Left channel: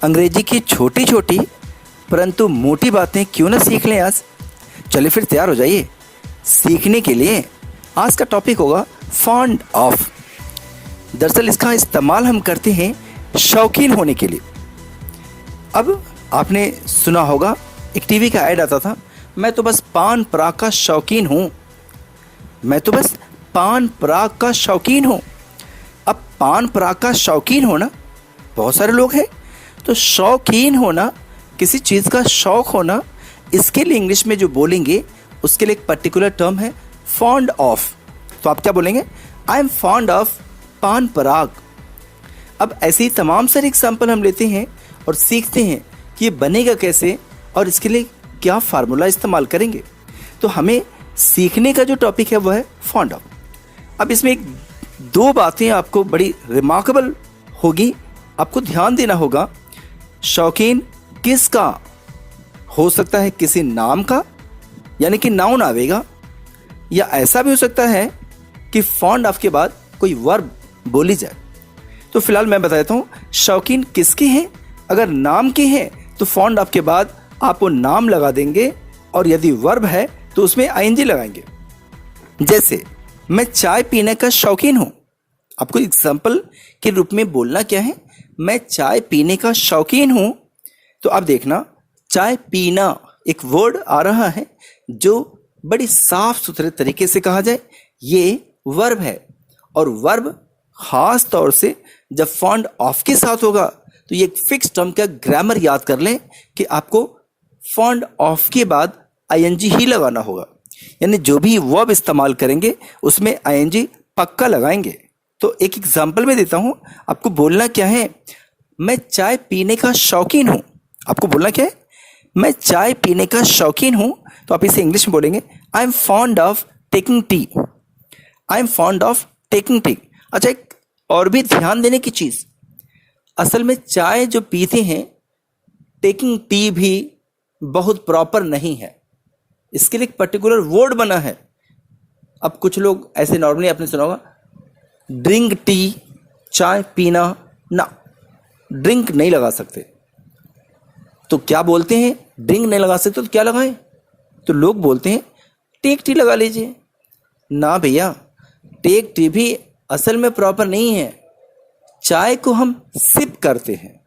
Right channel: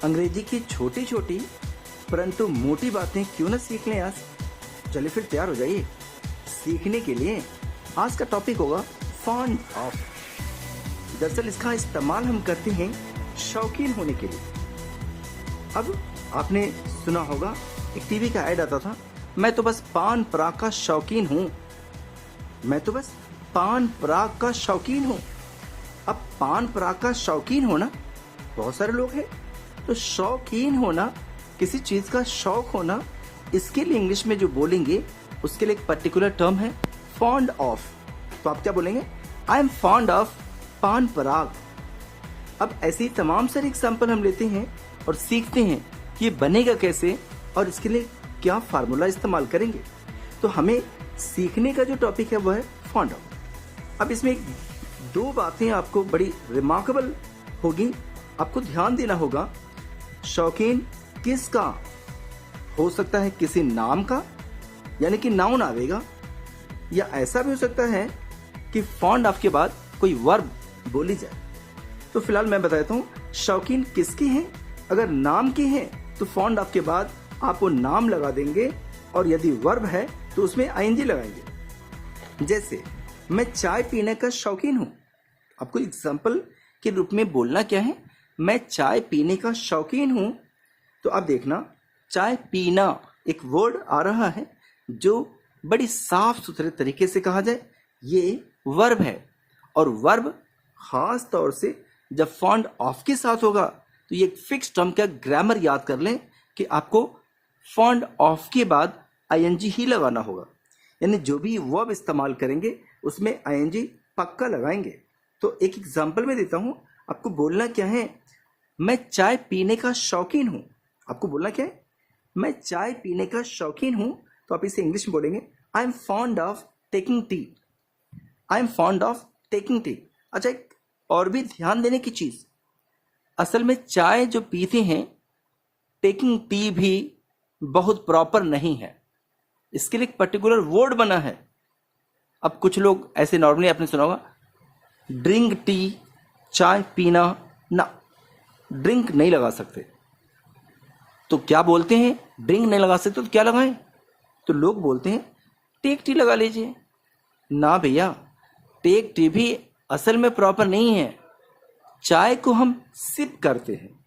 अंग्रेजी की छोटी छोटी परंतु मोटी बातें क्यों ना सीख लें आज। चलिए फिर तैयार हो जाइए सीखने के लिए। आज का टॉपिक होगा फॉन्ड ऑफ। दरअसल इसका इस्तेमाल हम करते हैं शौकीन होने के लिए। अब आपने सुना होगा एक टीवी का ऐड आता था, मैं तो बस पान पराग का शौकीन हूँ, मैं तो बस पान पराग का शौकीन हूँ। अब पान पराग का शौकीन होना बहुत सारे लोग हैं, तो शौकीन होना, किसी चीज़ का शौक होना, इसके लिए इंग्लिश में जो बोलेंगे उसके लिए एक पर्टिकुलर टर्म है फॉन्ड ऑफ। तो आप क्या बोलेंगे? आई एम फॉन्ड ऑफ पान पराग। अब ऐसे ही तमाम सारे एग्जाम्पल हम लेते हैं और सीखते हैं कि ये बनेगा कैसे और इसके लिए क्या फार्मूला इस्तेमाल करेंगे। तो हमें सीखने का जो टॉपिक है वो है फॉन्ड ऑफ। अब इसमें दो बातें आपको बड़ी रिमार्केबल होगी, आपको ध्यान देना होगा। शौकीन किसका हो सकता है? किसी नाम का, यानी कि नाउन आवेगा, या ऐसा भी हो सकता है कि फॉन्ड ऑफ के बाद कोई वर्ब बोली जाए। तो फिलहाल मैं बता देता हूं शौकीन किसके हैं। अगर नाम के हैं तो फॉन्ड ऑफ के बाद आप वो नाम लगा देंगे, और यदि वर्ब है तो उसमें आईएनजी लगाएंगे। जैसे मैं चाय पीने का शौकीन हूं, आपको एग्जाम्पल के रूप में बोलना क्या है? मैं चाय पीने का शौकीन हूं। तो आप देखना, चाय पीना एक वर्ड आ रहा है जो बड़ी साफ सुथरे तरीके से कहा जाए, ये वर्ब है। और वर्ब खास तौर से जब फॉन्ड ऑफ के साथ होगा तो ये एक फिक्स टर्म का ग्रामर याद कर लें कि आपको फॉन्ड ऑफ के बाद आईएनजी ही लगाना होगा, यानी जो भी वर्ब इस्तेमाल करेंगे उसमें आईएनजी पक्का लगाएंगे। तो एक एग्जाम्पल में देता हूं, आपको बोलना क्या है? मैं चाय पीने का शौकीन हूं। आपको बोलना क्या है? मैं चाय पीने का शौकीन हूं। तो आप इसे इंग्लिश में बोलेंगे I am fond of taking tea. I am fond of taking tea. अच्छा, एक और भी ध्यान देने की चीज, असल में चाय जो पीते हैं, टेकिंग टी भी बहुत प्रॉपर नहीं है, इसके लिए एक पर्टिकुलर वर्ड बना है। अब कुछ लोग ऐसे नॉर्मली आपने सुना होगा ड्रिंक टी, चाय पीना ना, ड्रिंक नहीं लगा सकते। तो क्या बोलते हैं? ड्रिंक नहीं लगा सकते तो क्या लगाएं? तो लोग बोलते हैं टेक टी लगा लीजिए। ना भैया, टेक टी भी असल में प्रॉपर नहीं है। चाय को हम सिप करते हैं,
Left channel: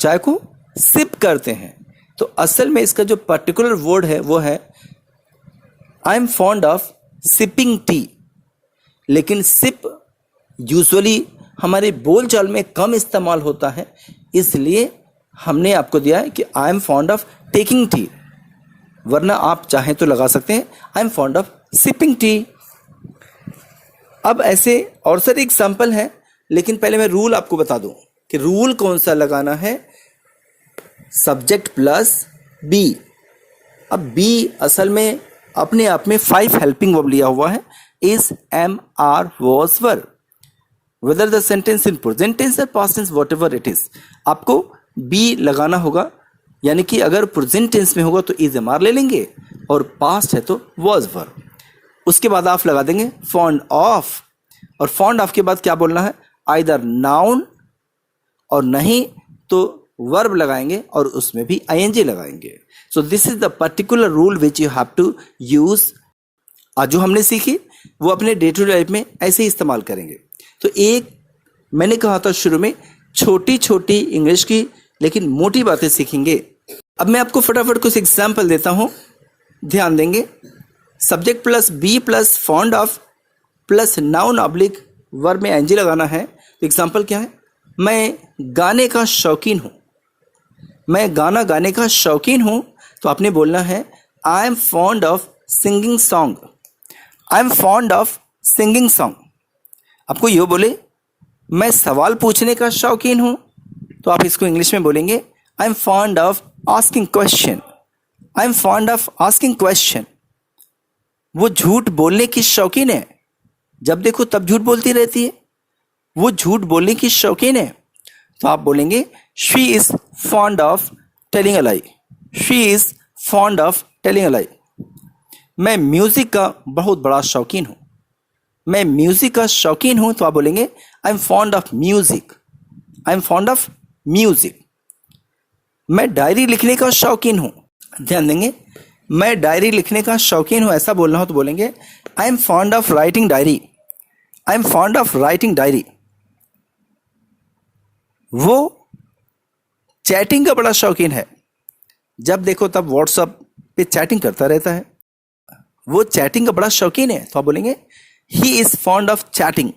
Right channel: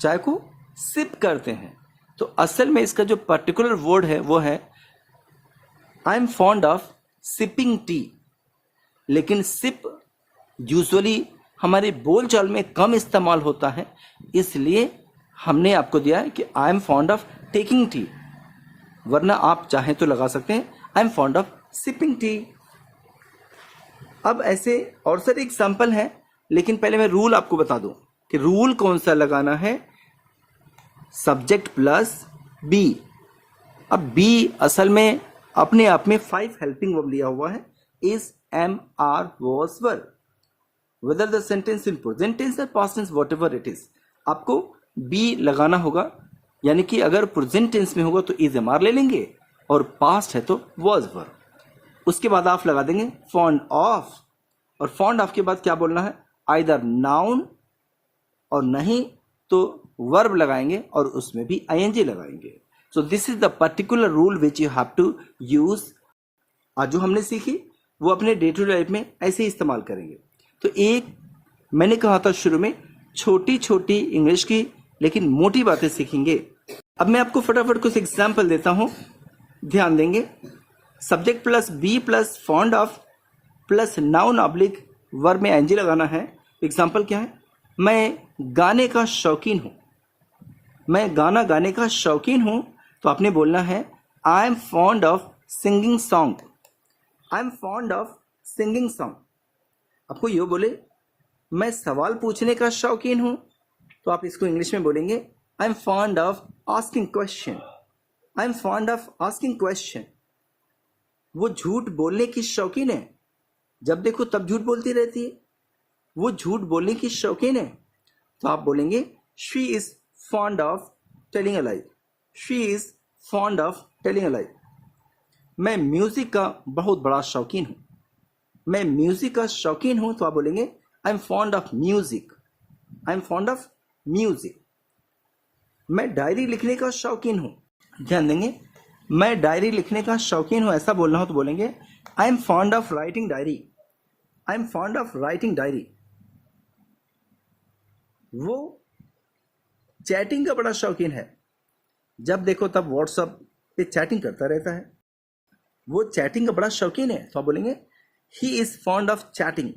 चाय को सिप करते हैं। तो असल में इसका जो पर्टिकुलर वर्ड है वो है आई am fond of sipping T. लेकिन सिप यूजुअली हमारे बोलचाल में कम इस्तेमाल होता है, इसलिए हमने आपको दिया है कि आई am fond of taking tea, वरना आप चाहें तो लगा सकते हैं आई am fond of sipping T. अब ऐसे और सारे एग्जाम्पल हैं, लेकिन पहले मैं रूल आपको बता दूं कि रूल कौन सा लगाना है। Subject plus b. अब बी असल में अपने आप में 5 हेल्पिंग वर्ब लिया हुआ है, is, am, are, was, were, whether the sentence in present tense और past tense, whatever it is. आपको बी लगाना होगा, यानी कि अगर प्रेजेंट टेंस में होगा तो इज, एम, आर ले लेंगे, और पास्ट है तो वॉज, वर। उसके बाद आप लगा देंगे फॉन्ड ऑफ, और फॉन्ड ऑफ के बाद क्या बोलना है? आइदर नाउन, और नहीं तो वर्ब लगाएंगे और उसमें भी आईएनजी लगाएंगे। So this is the particular rule which you have to use. आज जो हमने सीखी वो अपने डे टू डे लाइफ में ऐसे ही इस्तेमाल करेंगे। तो एक मैंने कहा था शुरू में, छोटी छोटी इंग्लिश की लेकिन मोटी बातें सीखेंगे। अब मैं आपको फटाफट कुछ एग्जाम्पल देता हूं, ध्यान देंगे। Subject plus b plus fond of plus noun oblique verb में एनजी लगाना है। तो एग्जाम्पल क्या है? मैं गाने का शौकीन हूं, मैं गाना गाने का शौकीन हूं। तो आपने बोलना है आई am fond of singing song. I am fond of singing song. आपको ये बोले मैं सवाल पूछने का शौकीन हूं, तो आप इसको इंग्लिश में बोलेंगे I am fond of asking question. I am fond of asking question. वो झूठ बोलने की शौकीन है, जब देखो तब झूठ बोलती रहती है, वो झूठ बोलने की शौकीन है। तो आप बोलेंगे she is fond of telling a lie. She is fond of telling a lie. मैं म्यूजिक का बहुत बड़ा शौकीन हूं, मैं म्यूजिक का शौकीन हूं। तो आप बोलेंगे I am fond of music. I am fond of music. मैं डायरी लिखने का शौकीन हूँ। ध्यान देंगे, मैं डायरी लिखने का शौकीन हूँ ऐसा बोलना हो तो बोलेंगे I am fond of writing diary. I am fond of writing diary. वो चैटिंग का बड़ा शौकीन है, जब देखो तब व्हाट्सएप पे चैटिंग करता रहता है। वो चैटिंग का बड़ा शौकीन है तो आप बोलेंगे he is fond of chatting.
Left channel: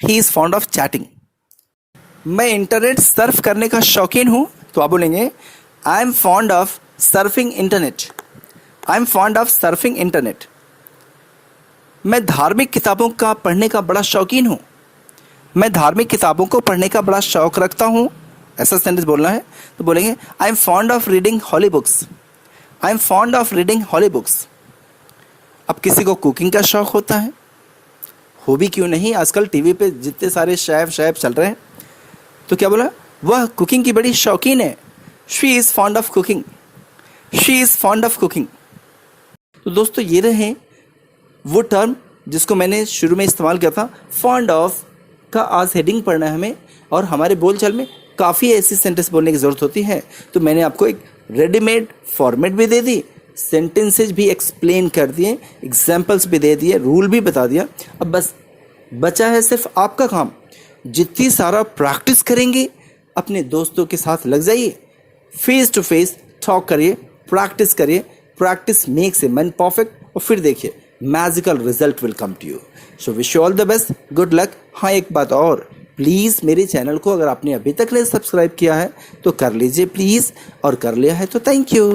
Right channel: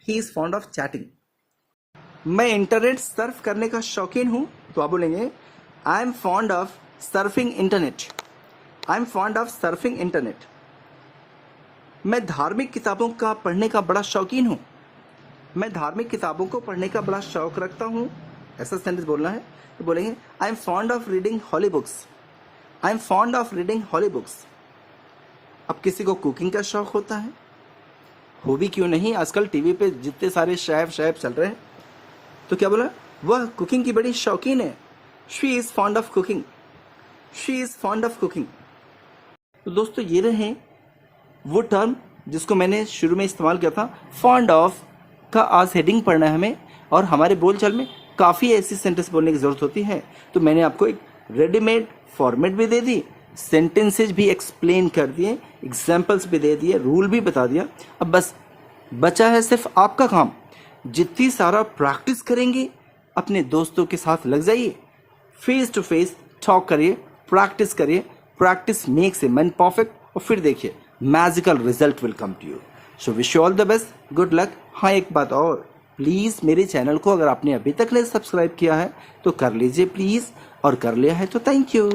He is fond of chatting. मैं इंटरनेट सर्फ करने का शौकीन हूं तो आप बोलेंगे I am fond of surfing internet. I am fond of surfing internet. मैं धार्मिक किताबों का पढ़ने का बड़ा शौकीन हूं। मैं धार्मिक किताबों को पढ़ने का बड़ा शौक रखता हूं, ऐसा सेंटेंस बोलना है तो बोलेंगे I am fond of reading holy books. I am fond of reading holy books. अब किसी को कुकिंग का शौक होता है, हो भी क्यों नहीं, आजकल टीवी पे जितने सारे शेफ चल रहे हैं, तो क्या बोला, वह कुकिंग की बड़ी शौकीन है। She is fond of cooking. She is fond of cooking. तो दोस्तों ये रहे वो टर्म जिसको मैंने शुरू में इस्तेमाल किया था। फॉन्ड ऑफ का आज हेडिंग पढ़ना है हमें, और हमारे बोलचाल में काफ़ी ऐसी सेंटेंस बोलने की ज़रूरत होती है, तो मैंने आपको एक रेडीमेड फॉर्मेट भी दे दी, सेंटेंसेज भी एक्सप्लेन कर दिए, एग्जाम्पल्स भी दे दिए, रूल भी बता दिया। अब बस बचा है सिर्फ आपका काम। जितनी सारा प्रैक्टिस करेंगे, अपने दोस्तों के साथ लग जाइए, फेस टू फेस टॉक करिए, प्रैक्टिस करिए। Practice makes a man perfect, और फिर देखिए magical result will come to you. So wish you all the best, good luck. हाँ, एक बात और, प्लीज़ मेरे चैनल को अगर आपने अभी तक नहीं सब्सक्राइब किया है तो कर लीजिए प्लीज़, और कर लिया है तो थैंक यू।